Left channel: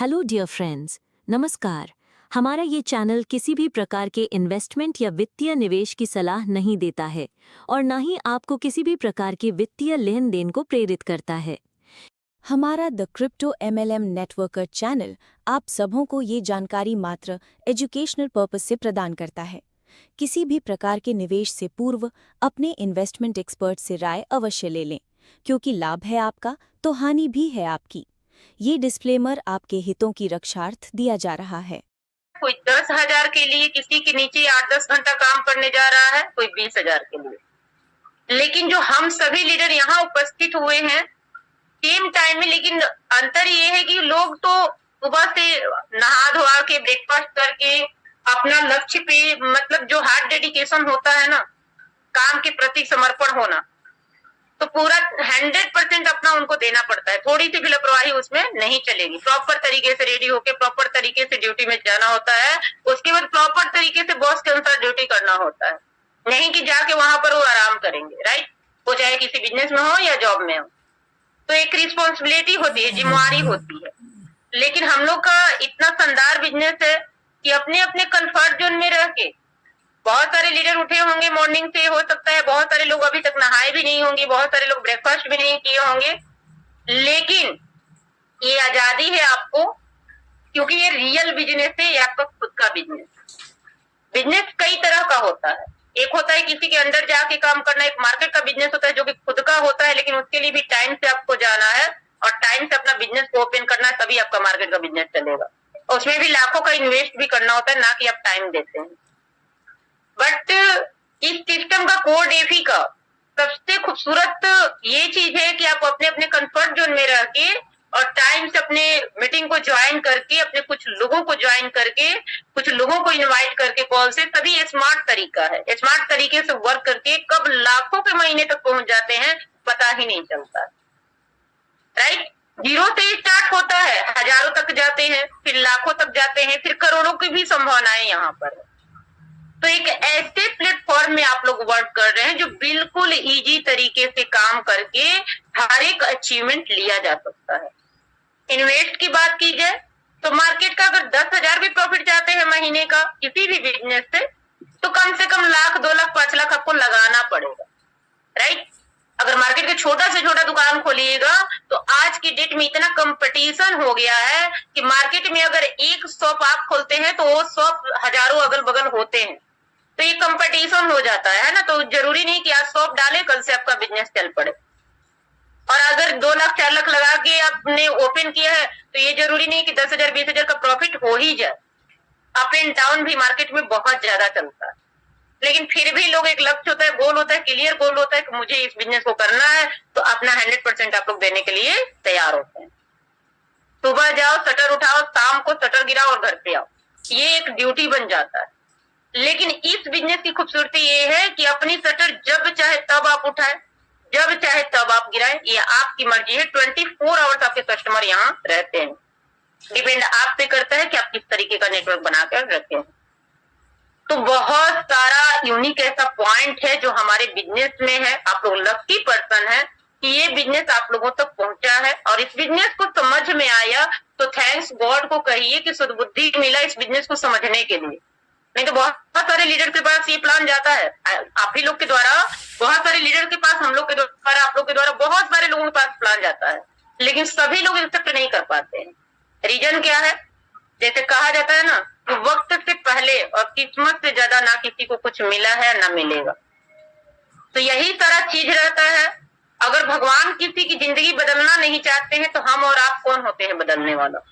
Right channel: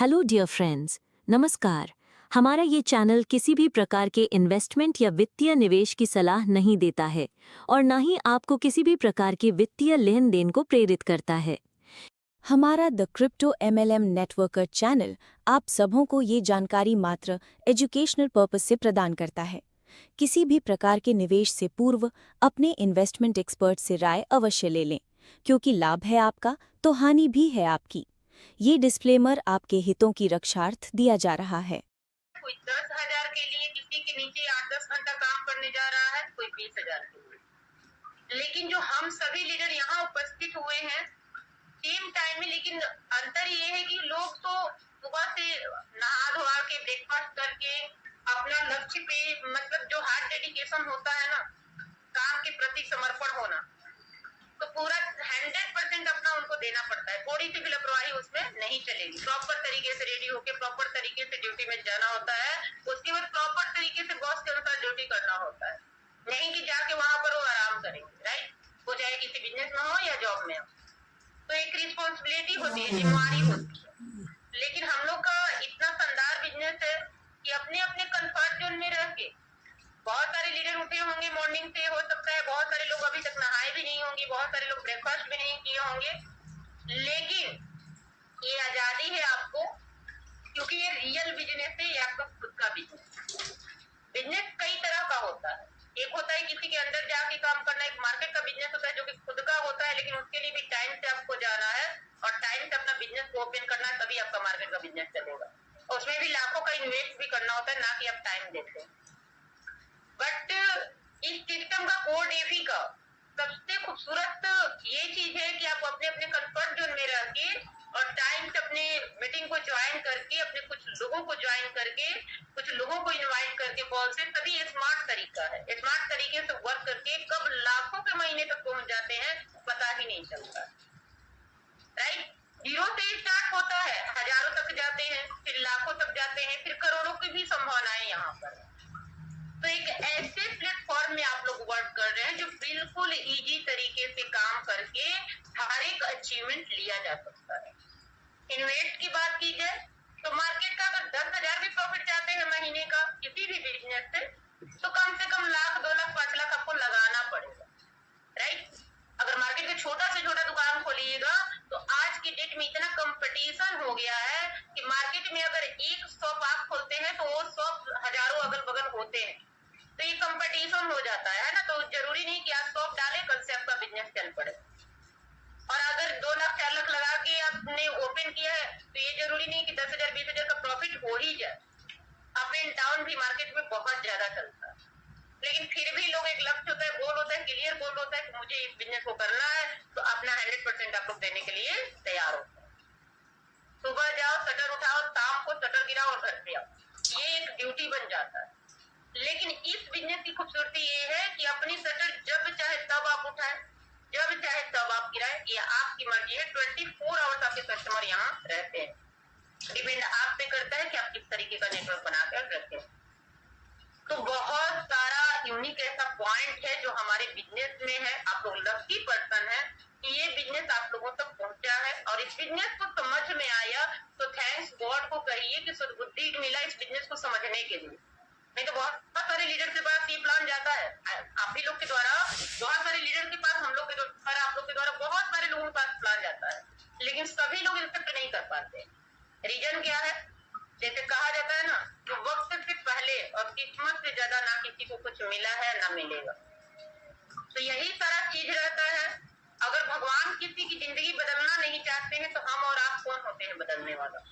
Hello dear friends, नमस्कार। हमारा ये चैनल किसी भी प्रकार के इन्वेस्टमेंट या वित्तीय निवेश की सलाह नहीं देता है और ना ही आपको किसी भी प्रकार के वित्तीय लेन देन को प्रेरित करता है। हमारा the crypto MLM networker channel आप सबों को ये जानकारी मात्र एजुकेशनल पर्पस से प्रदान करता है। किसी भी प्रकार के निवेश से पूर्व अपने इन्वेस्टमेंट एक्सपर्ट से राय अवश्य ले लें, क्योंकि लाभ है आपका तो हानि भी है आपकी। ये डिस्क्लेमर आपके हितों की रक्षार्थ दिया जा रहा है। कोई 10,000 के लिए किसी के नीचे 8-10 घंटा काम करने जा रहा है, कोई 20,000 के लिए। लेकिन जो हम सभी लीडर यहाँ उपस्थित हुए हैं सेम टाइम में, लेकिन अंतर ये है कि लोग तो सुबह से नहा धोआ के ब्रेकफास्ट करके अपना लक्ष्य पे, मतलब जो हार्ड डेडिकेशन होता है ना, काम के प्रति समर्पण होना, तो पूरा 100% अपना उनको देना पड़ता है। थोड़ी सी भी लापरवाही उसमें नहीं चलेगी। प्रॉपर तरीके से रेडी होके प्रॉपर तरीके से ड्यूटी में जाना होता है। उसके बाद प्रॉपर तरीके से बॉस के अनुसार ड्यूटी करना होता है, नहीं कि जाके वहां पर वो आराम करेंगे। राइट, वो चाहे किसी बिजनेस में हो या जॉब में हो, तो एक रिस्पॉन्सिबिलिटी होती है, जिम्मेवारी होती है। लेकिन हम लोग का इतना शानदार बिजनेस है कि अपने अपने कंफर्ट जोन में रह के, बहुत सारे लीडर उठे होंगे मॉर्निंग से, हो सकता है बहुत सारे लोग अभी तक नहाए भी नहीं होंगे, बहुत सारे लोग ब्रेकफास्ट भी नहीं किए होंगे, लेकिन ये आजादी है आपको, क्योंकि ये रियल बिजनेस है, ये आपका खुद का बिजनेस। बिजनेस कई तरह का होता है। एक होता है किसी के अंडर जाके काम करना, एक मार्केट का बिजनेस होता है जो कि खुद का होता है, लेकिन उसके लिए भी टाइम से आपको जाना है और टाइम से अपना बिजनेस को ओपन करना है, तभी आपका मार्केट का बिजनेस चलेगा। उसमें भी लाखों का इन्वेस्ट भी करना होता है, ना कि आप टाइम देते हैं। बट इस सिस्टम का कोर डेफी का सबसे खूबसूरत ये चीज है कि आप अपने अपने कंफर्ट जोन में रह के और टाइम से अपने मीटिंग को ज्वाइन करके, अपने कुछ लोगों को ज्वाइन करके, कुछ लोगों को इनवाइट करके कॉल से, तभी स्मार्ट तरीका है। स्मार्ट तरीके से वर्क करके कब लाखों के महीने तक पहुंच जाते हैं पता ही नहीं चलता। राइट, जीरो से स्टार्ट होता है, हजारों तक जाते हैं, फिर लाखों तक जाते हैं, फिर करोड़ों की भी संभावनाएं यहाँ पर है। तो एक ऐसे प्लेटफॉर्म में आप लोग वर्क कर रहे हैं जो बिल्कुल इजी तरीके से काम करके हर एक अचीवमेंट लिया जा सकता है। इन्वेस्ट की बात की जाए तो मार्केट का अगर 10,000 भी प्रॉफिट चाहते हैं महीने का किसी भी बिजनेस से कम 1,00,000, 2,00,000, 5,00,000 आपको लगाना पड़ेगा। राइट, अगर मार्केट का छोटा से छोटा दुकान खोलिएगा तो आज की डेट में इतना कंपटीशन हो गया है कि मार्केट में अगर एक शॉप आप खोलते हैं तो वो शॉप हजारों अगल बगल होते हैं, तो ये कंपटीशन हो जाता है ना। तो जरूरी नहीं कि आज शॉप डाले कल से आपका बिजनेस चल पड़े। और अगर 2,00,000, 4,00,000 लगा के आपने ओपन किया है तो ये जरूरी नहीं कि 10,000, 20,000 का प्रॉफिट हो ही जाए। अप एंड डाउन भी मार्केट में बहुत ज्यादा चलता है, लेकिन फिर भी लोग, एक लक्ष्य होता है, गोल होता है, क्लियर गोल होता है कि मुझे इस बिजनेस को करना है, तो अपना 100% आप लोग देने के लिए तैयार होते हैं। सुबह जाओ, शटर उठाओ, शाम को शटर गिराओ और घर पे आओ, ये एक ड्यूटी बन जाता है। लेकिन इस बिजनेस की खूबसूरती ये है कि अपनी शटर जब चाहे तब आप उठाए, जब चाहे तब आप गिराए, ये आपकी मर्जी है। 24 आवर्स आपके कस्टमर यहाँ रहते हैं। डिपेंड आप पे करता है कि आप किस तरीके का नेटवर्क बनाकर रखते हैं। तो बहुत सारा यूनिक ऐसा पॉइंट है जो हमारे बिजनेस में है। आप लोग लकी पर्सन है कि ये बिजनेस आप लोगों तक पहुंचा है और इस बिजनेस को समझ में आया, तो थैंक्स गॉड को कहिए कि सद्बुद्धि मिला इस बिजनेस को समझने के लिए। नहीं तो बहुत सारे लीडर के पास ये प्लान जाता है, आप ही लोग के द्वारा, बहुत सारे लीडर के पास, हम लोग के द्वारा, आप लोग के द्वारा, बहुत सारे लोगों के पास प्लान जाता है, लेकिन सभी लोग एक्सेप्ट नहीं कर पाते हैं। रीजन क्या है? जैसे कहा जाता है ना कि वक्त से पहले और किस्मत से ज्यादा ना किसी को कुछ मिला है ना मिलेगा। तो यही सारा चीज रहता है। अगर भगवान किसी की जिंदगी बदलना नहीं चाहते हैं तो हम और आप कौन होते हैं बदलने वाला?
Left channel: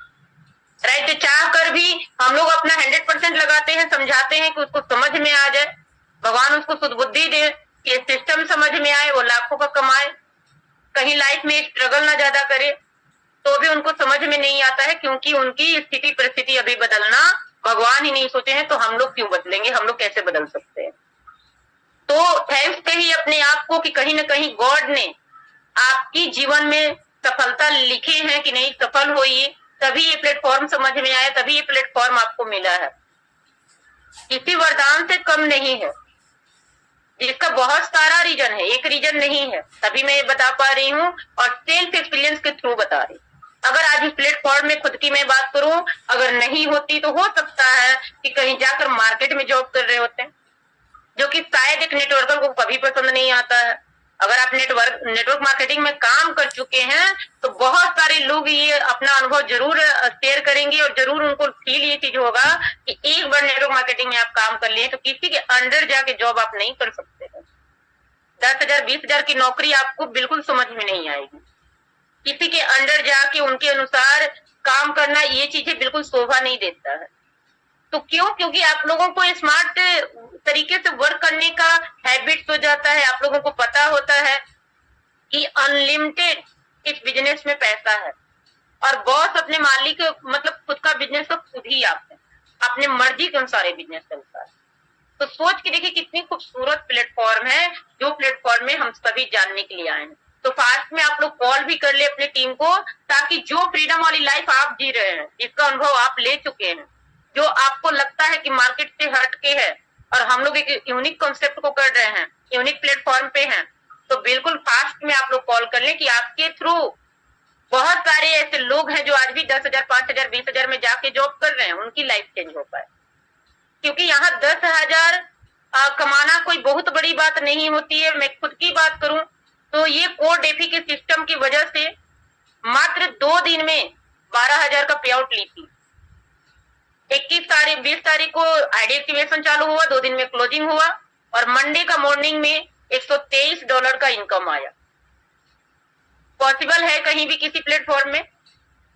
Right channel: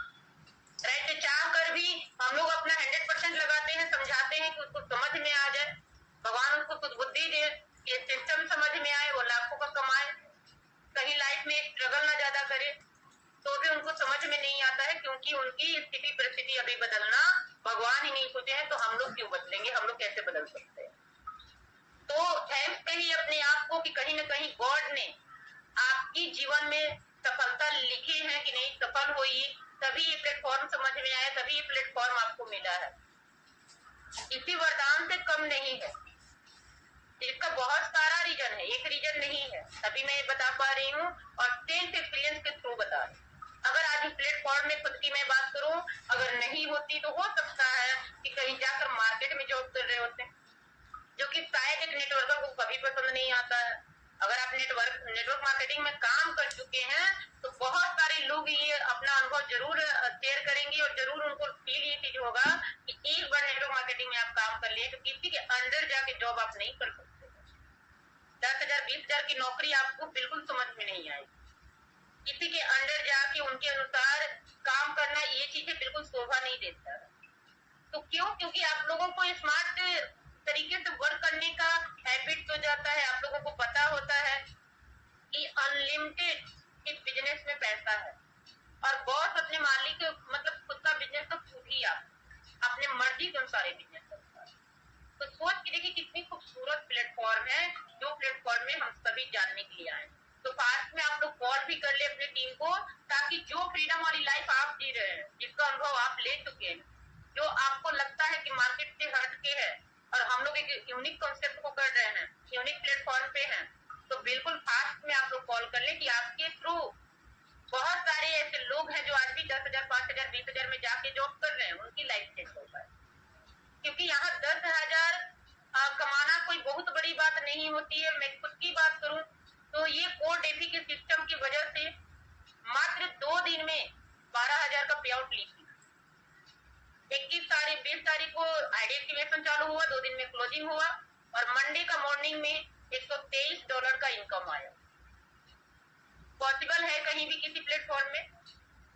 राइट, चाह कर भी हम लोग अपना 100% लगाते हैं, समझाते हैं कि उसको समझ में आ जाए, भगवान उसको सुदबुद्धि दे कि सिस्टम समझ में आए, वो लाखों का कमाए, कहीं लाइफ में स्ट्रगल ना ज्यादा करे, तो भी उनको समझ में नहीं आता है, क्योंकि उनकी स्थिति परिस्थिति अभी बदलना भगवान ही नहीं सोचे हैं, तो हम लोग क्यों बदलेंगे, हम लोग कैसे बदल सकते हैं? तो थैंक्स कहिए अपने आप को कि कहीं ना कहीं गॉड ने आपकी जीवन में सफलता लिखे हैं कि नहीं, सफल होइए, तभी ये प्लेटफॉर्म समझ में आया, तभी ये प्लेटफॉर्म आपको मिला है। किसी वरदान से कम नहीं है, जिसका बहुत सारा रीजन है, एक रीजन नहीं है, तभी मैं ये बता पा रही हूँ और सेल्फ एक्सपीरियंस के थ्रू बता रही हूँ। अगर आज इस प्लेटफॉर्म में खुद की मैं बात करूं, अगर नहीं होती तो हो सकता है कि कहीं जाकर मार्केट में जॉब कर रहे होते हैं, जो कि शायद एक नेटवर्कर को कभी पसंद नहीं आता है। अगर आप नेटवर्क मार्केटिंग में काम कर चुके हैं तो बहुत सारे लोग ये अपना अनुभव जरूर शेयर करेंगे और जरूर उनको फील ये चीज होगा कि एक बार नेटवर्क मार्केटिंग में आप काम कर लिए तो किसी के अंडर जाके जॉब आप नहीं कर सकते हैं। 10,000 20,000 की नौकरी आपको बिल्कुल समझ में नहीं आएगी। किसी के अंडर जाके उनके अनुसार काम करना ये चीजें बिल्कुल शोभा नहीं देता है। तो क्यों? क्योंकि आप लोगों को स्मार्ट तरीके से वर्क करने का हैबिट हो जाता है। आप लोगों को पता होता है कि अनलिमिटेड इस बिजनेस में पैसा है और बॉस अपने मालिक मतलब खुद का बिजनेस तो खुद ही आप है, अपने मर्जी के अनुसार ये बिजनेस चलता है। तो सोच के देखिए कितनी खूबसूरत प्लेटफॉर्म है जो प्लेटफॉर्म में हम सभी जानने के लिए आए हैं। तो फास्ट में आप लोग कॉल भी कर ले अपने टीम को, ताकि जो फ्रीडम वाली लाइफ आप जी रहे हैं, जिसका अनुभव आप ले चुके हैं, जो आपको लगता है कि मार्केट से हट के है और हम लोग एक यूनिक कॉन्सेप्ट को कर रहे हैं, यूनिक प्लेटफॉर्म पे हैं, तो बिल्कुल फास्ट में आप लोग कॉल कर लें कि आपके थ्रू बहुत सारे ऐसे लोग हैं जो आज भी 10,000 5,000 20,000 में जाके जॉब कर रहे हैं, उनकी लाइफ चेंज हो पाए। क्योंकि यहाँ 10,000 कमाना कोई बहुत बड़ी बात नहीं होती है। मैं खुद की बात करूं तो ये कोर डेफी के सिस्टम की वजह से मात्र 2 दिन में 12,000 का पे आउट ली थी। 20 तारीख को आईडी एक्टिवेशन चालू हुआ, 2 दिन में क्लोजिंग हुआ और मंडे का मॉर्निंग में $123 का इनकम आया। पॉसिबल है कहीं भी किसी प्लेटफॉर्म में?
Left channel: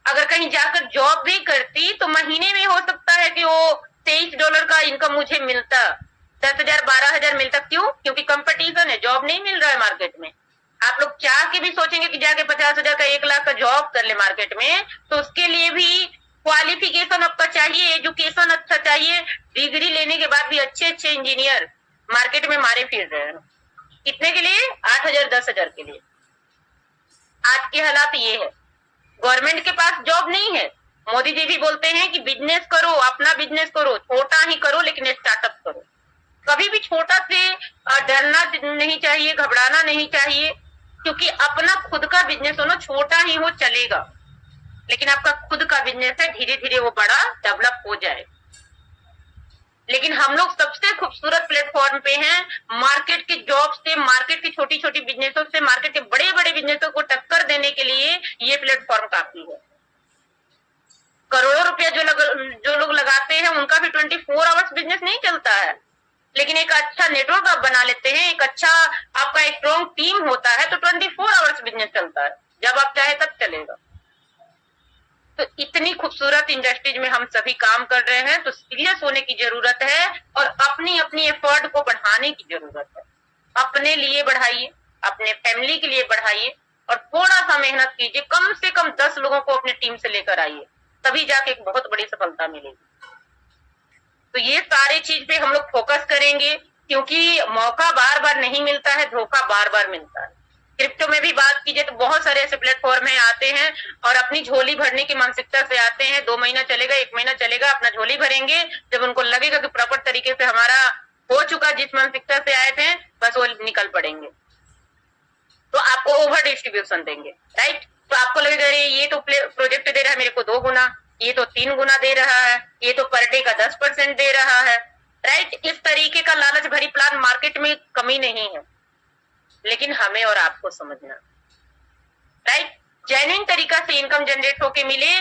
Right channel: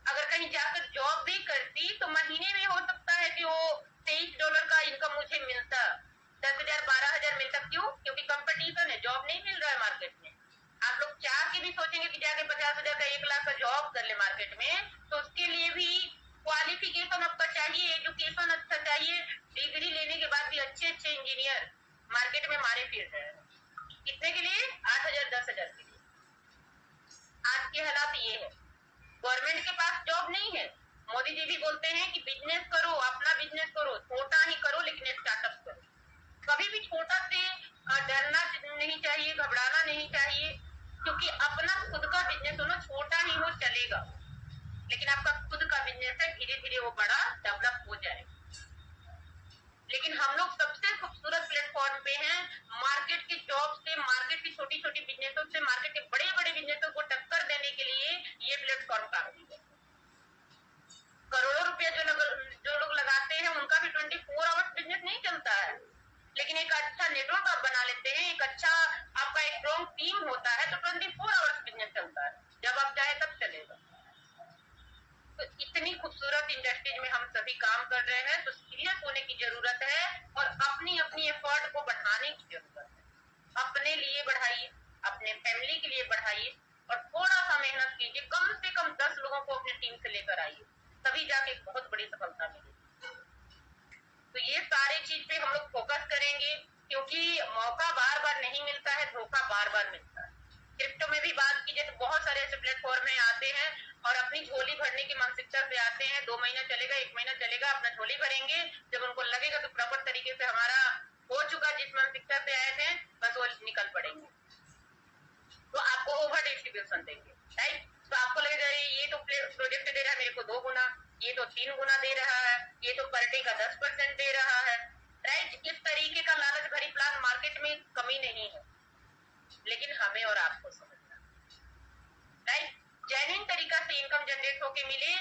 अगर कहीं जाकर जॉब भी करती तो महीने में हो सकता है कि वो $23 का इनकम मुझे मिलता, 10,000 12,000 मिलता। क्यों? क्योंकि कंपटीशन है, जॉब नहीं मिल रहा है मार्केट में। आप लोग चाह के भी सोचेंगे कि जाके 50,000 का 1 लाख का जॉब कर ले मार्केट में, तो उसके लिए भी क्वालिफिकेशन आपका चाहिए, एजुकेशन अच्छा चाहिए। डिग्री लेने के बाद भी अच्छे अच्छे इंजीनियर मार्केट में मारे फिर रहे हैं। कितने के लिए? 8,000 10,000 के लिए। आज के हालात ये है, गवर्नमेंट के पास जॉब नहीं है। मोदी जी भी बोलते हैं कि बिजनेस करो, अपना बिजनेस करो, छोटा ही करो लेकिन स्टार्टअप करो। कभी भी छोटा से डरना नहीं चाहिए, घबराना नहीं चाहिए, क्योंकि अपना खुद का बिजनेस हो ना, छोटा ही हो चलेगा, लेकिन आपका खुद का बिजनेस है, धीरे धीरे वो बड़ा डेवलप हो जाए। लेकिन हम लोग सबसे खूबसूरत प्लेटफॉर्म पे हैं। मार्केट के जॉब से, मार्केट की छोटी छोटी बिजनेसों से, मार्केट के बड़े बड़े बिजनेसों को टक्कर देने के लिए ये प्लेटफॉर्म काफी है। करोड़ों रुपया जो लोग लगाते हैं उनका भी 24 आवर्स बिजनेस नहीं चलता है, लेकिन एक अच्छा नेटवर्क आप बना लेते हैं, एक अच्छा आपका एक स्ट्रॉन्ग टीम होता है तो 24 आवर्स बिजनेस चलता है, जब आप चाहे तब चलेगा। तो इतनी खूबसूरत इंडस्ट्रीज में हम सभी काम कर रहे हैं, तो सीरियस होने की जरूरत है और अपनी अपनी एफर्ट को बढ़ाने की जरूरत है। अपने लिए बढ़ाइए, अपने फैमिली के लिए बढ़ाइए और थोड़ा सा मेहनत कीजिए। कम से कम 10 लोगों को अपने टीम से लेकर आइए, तभी जाके एक बहुत बड़ी सफलता मिलेगी। तो ये सारे चीज पे हम लोग फोकस करेंगे, क्योंकि मौका बार बार नहीं मिलता है, धोखा बार बार मिलता है। क्रिप्टो में भी बात कीजिए तो बहुत सारे ऐसे प्लेटफॉर्म है, आते हैं और अपनी झोली भरने की मानसिकता से आते हैं। 2 महीना चलेगा, 1 महीना चलेगा, अपना झोली भरेंगे। जब उनको लगेगा कि प्रॉपर तरीके से हमारा हो चुका, जिस मानसिकता से आए थे, बस वो निकल पड़ेंगे, तो आपको ओवर डिस्ट्रीब्यूशन देंगे, राइट। तो आपको लगेगा ये तो प्रोजेक्ट दे रहा है मेरे को 2 गुना, ये तो 3 गुना दे रहा है, ये तो पर डे का 10% दे रहा है, राइट। इस तरीके का लालच भरी प्लान मार्केट में कमी नहीं है, लेकिन हमें और आपको समझना, राइट। जेन्युइन तरीका से इनकम जनरेट होके मिले,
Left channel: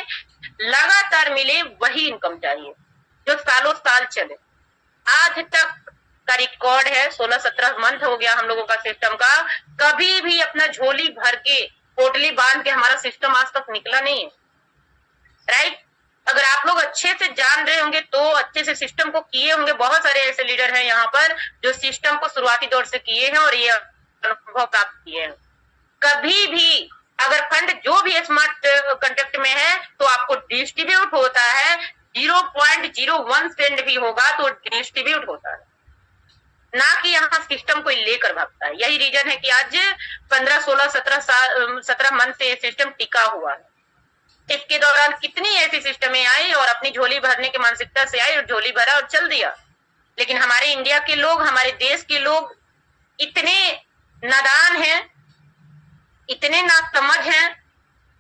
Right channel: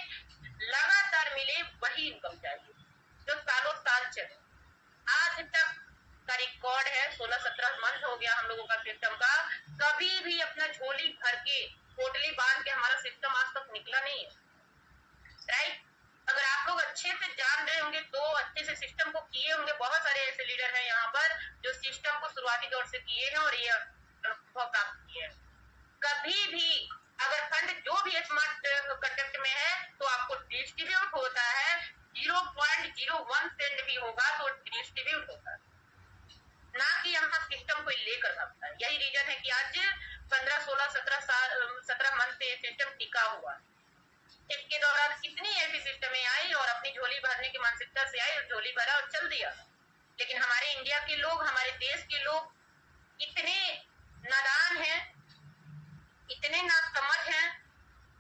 लगातार मिले, वही इनकम चाहिए जो सालों साल चले। आज तक का रिकॉर्ड है, 16-17 मंथ हो गया हम लोगों का सिस्टम का, कभी भी अपना झोली भर के पोटली बांध के हमारा सिस्टम आज तक निकला नहीं है, राइट। अगर आप लोग अच्छे से जान रहे होंगे तो अच्छे से सिस्टम को किए होंगे। बहुत सारे ऐसे लीडर हैं यहाँ पर जो सिस्टम को शुरुआती दौर से किए हैं और ये अनुभव प्राप्त किए हैं। कभी भी अगर फंड जो भी स्मार्ट कॉन्ट्रैक्ट में है तो आपको डिस्ट्रीब्यूट होता है, 0.01 सेंट भी होगा तो डिस्ट्रीब्यूट होता है, ना कि यहाँ सिस्टम को लेकर भागता है। यही रीजन है कि आज 15, 16, 17 मंथ से ये सिस्टम टिका हुआ है। इसके दौरान कितनी ऐसी सिस्टमें आई और अपनी झोली भरने की मानसिकता से आई और झोली भरा और चल दिया। लेकिन हमारे इंडिया के लोग, हमारे देश के लोग इतने नादान हैं, इतने नासमझ हैं,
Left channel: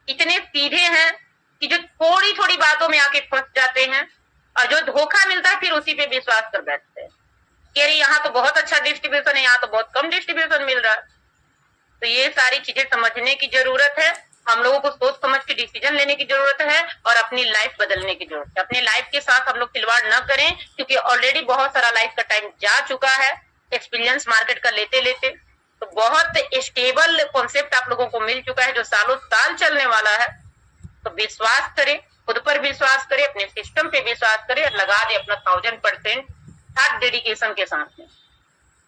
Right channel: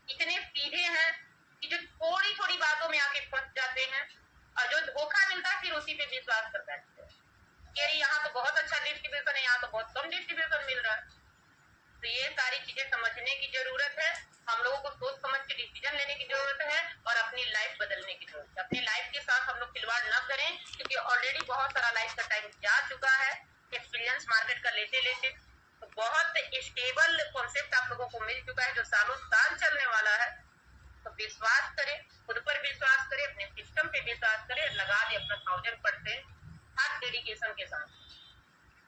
इतने सीधे हैं कि जो थोड़ी थोड़ी बातों में आके फंस जाते हैं और जो धोखा मिलता है फिर उसी पे विश्वास कर बैठते हैं कि अरे यहाँ तो बहुत अच्छा डिस्ट्रीब्यूशन है, यहाँ तो बहुत कम डिस्ट्रीब्यूशन मिल रहा है। तो ये सारी चीजें समझने की जरूरत है, हम लोगों को सोच समझ के डिसीजन लेने की जरूरत है और अपनी लाइफ बदलने की जरूरत है। अपनी लाइफ के साथ हम लोग खिलवाड़ न करें, क्योंकि ऑलरेडी बहुत सारा लाइफ का टाइम जा चुका है एक्सपीरियंस मार्केट का लेते लेते। तो बहुत स्टेबल कॉन्सेप्ट आप लोगों को मिल चुका है जो सालों साल चलने वाला है। तो विश्वास करें, खुद पर विश्वास करें, अपने सिस्टम पे विश्वास करें और लगा दे अपना 1000% हर डेडिकेशन के साथ में।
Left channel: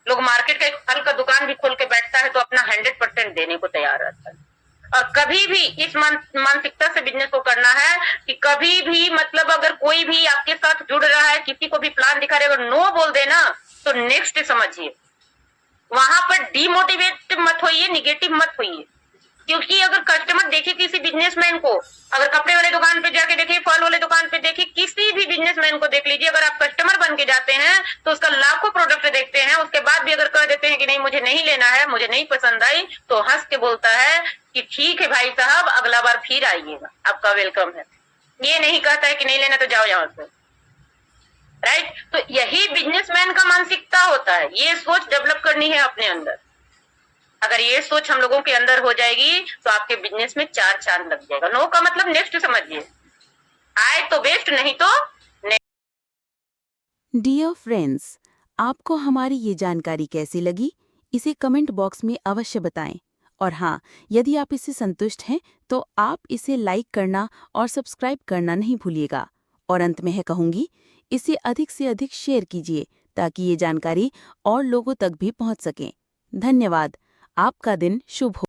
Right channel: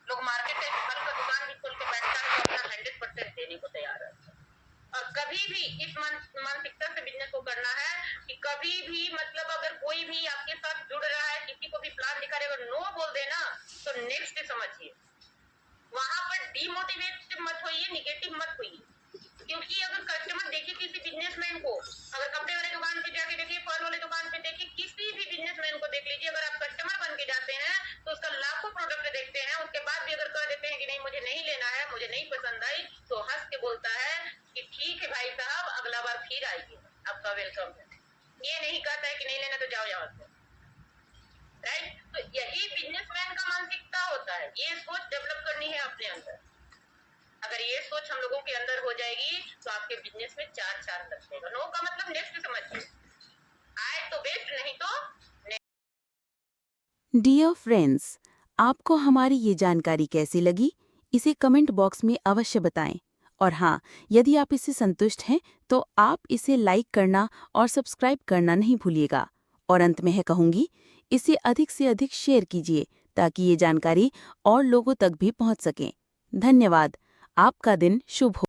लोग मार्केट का एक फल का दुकान भी खोल के बैठता है तो अपना 100% देने को तैयार रहता है। और कभी भी इस मानसिकता से बिजनेस को करना है कि कभी भी मतलब अगर कोई भी आपके साथ जुड़ रहा है, किसी को भी प्लान दिखा रहे, अगर नो बोल देना तो नेक्स्ट समझिए, वहां पर डीमोटिवेट मत होइए, निगेटिव मत होइए। क्योंकि अगर कस्टमर देखे किसी बिजनेसमैन को, अगर कपड़े वाले दुकान पे जाके देखे, फल वाले दुकान पे देखे, किसी भी बिजनेसमैन को देख लीजिए, अगर आप कस्टमर बन के जाते हैं तो उसका लाखों प्रोडक्ट देखते हैं, उसके बाद भी अगर कह देते हैं कि नहीं मुझे नहीं लेना है, मुझे नहीं पसंद आई, तो हंस के बोलता है कि ठीक है भाई साहब, अगला बार फिर आइएगा, आपका वेलकम है। ये नहीं कहता है कि नहीं लेना तो जाओ यहाँ से, राइट। तो यही बिजनेसमैन का मानसिकता होता है, ये सोच डेवलप करनी है अपने अंदर। अगर ये सोच हम लोगों के अंदर हो जाएगी तो आपके बिजनेस में 4 चांद लग जाएगा। नो का मतलब नेक्स्ट समझिए, आए तो बेस्ट, नहीं तो डियर फ्रेंड्स, आपको हमारी ये जानकारी कैसी लगी, इसे कमेंट बॉक्स में अवश्य बताएं। और हाँ, यदि आप इससे संतुष्ट हैं तो आप इसे लाइक करना और सब्सक्राइब करना नहीं भूलिएगा। और अंत में है कहूँगी, इसे अधिक से अधिक शेयर कीजिए ताकि ये जानकारी और लोगों तक भी पहुँच सके। धन्यवाद। आपका दिन शुभ हो।